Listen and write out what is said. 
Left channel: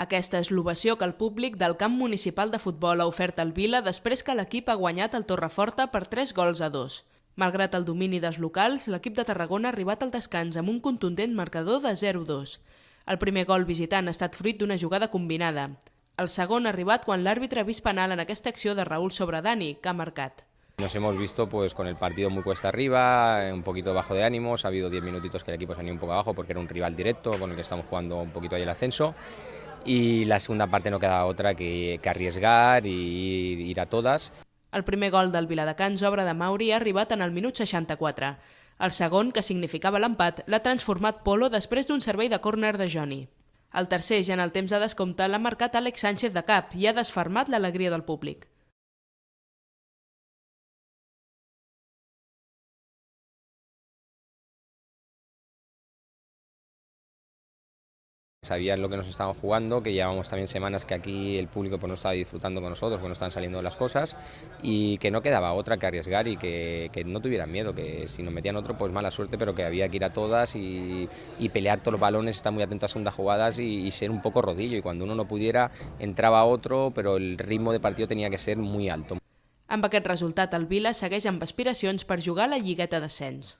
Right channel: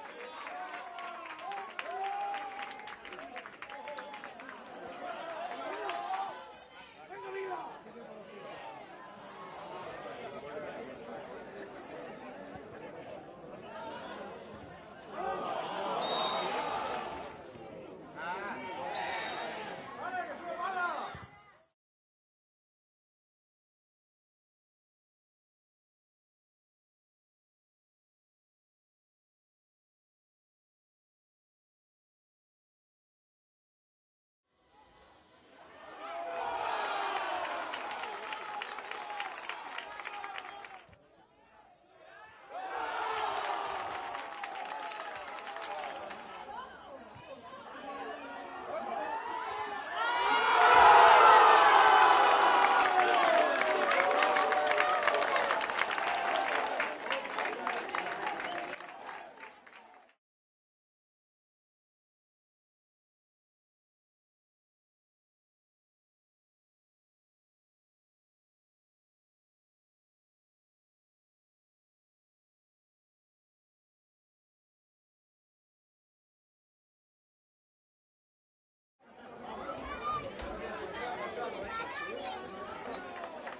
Aquesta és l'ovació que el públic del camp municipal de futbol ha ofert al Vila després que l'equip ha guanyat el Torreforta per 3-2. Malgrat el domini dels locals, l'equip de Tarragona ha arribat al descans amb un contundent marcador de 0-2. El primer gol visitant ha estat fruit d'una jugada combinada. El segon ha arribat quan l'àrbitre ha vist penal en aquesta acció de Raúl sobre Dani, que ha marcat. Nos hemos visto con el partido muy cuesta arriba, un poquito bajo de ánimos, ha habido 10 minutitos que el equipo se ha ido un poco abajo porque era un rival directo con el que estamos jugando un poquito ahí el ascenso, y la segunda parte no quedaba otra que arriesgar y ir a todas. El primer gol del Viladecans, obra de Mauri, ha arribat en el minut 64. El segon, que significava l'empat, l'ha transformat Polo després d'un servei de córner de Joni. El tercer, ja en el temps de descompte, l'ha marcat Àlex Sánchez de cap i ha desfermat l'alegria del públic. Sabían lo que nos estaban jugando, que llevamos también semanas que aquí el público no estaba disfrutando con nosotros, que no estaban saliendo las cosas y que no quedaba otra que arriesgar y que no tuvieran miedo, que si nos metían otro pues mala suerte, pero que había que ir a todas y pelear todos los balones, estar muy atento a segundas jugadas y ser un poco rodillo, y cuando uno no pudiera entraba otro, pero el ritmo de partido tenía que ser muy alto. Amb aquest resultat, el Vila segueix amb aspiracions per jugar a la Lligueta d'Ascens.